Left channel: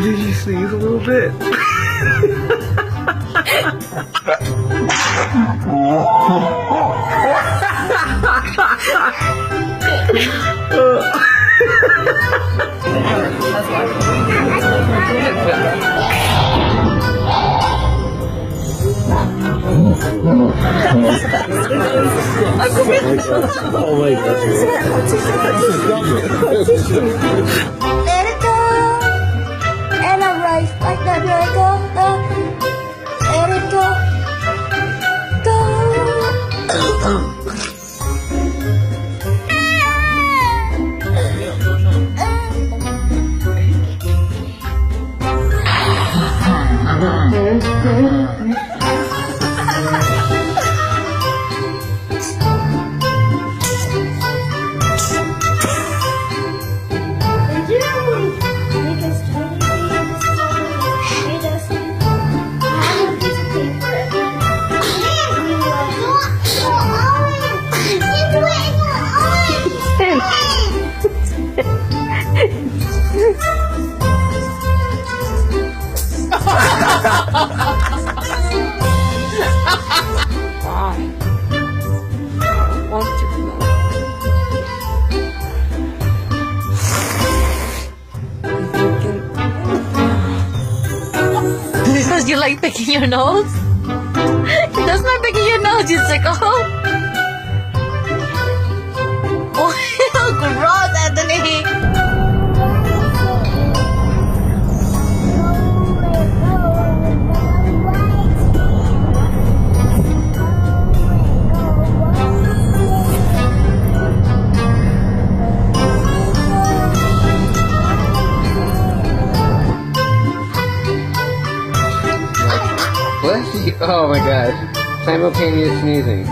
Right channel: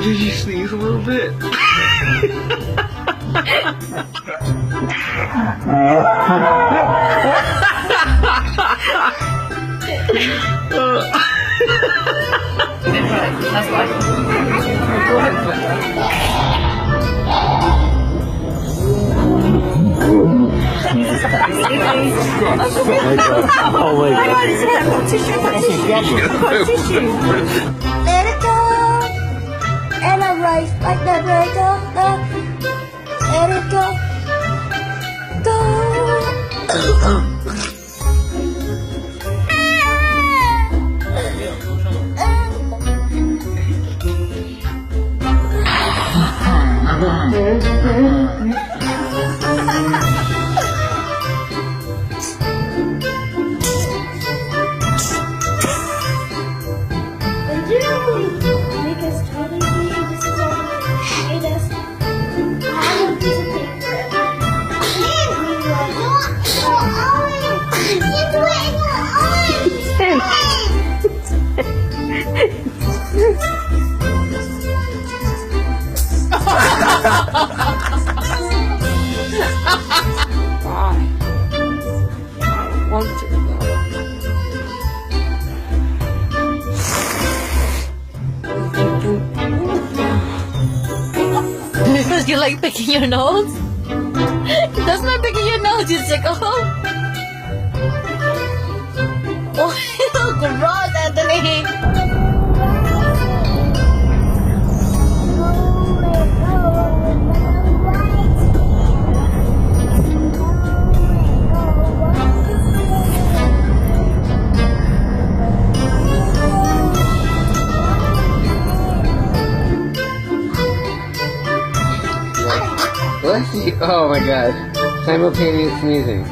Did you sneeze a little bit? Oh my god. Let it go, and I rise like the dragon. Let it go, Did you make us totally this is all made us have a piece of paper and we Why? I don't want to Because you like picking your nose? That's not picking your nose, you sicko. Oh, gross, Anthony. Bless you. Oh my god. Simultaneous sneezing.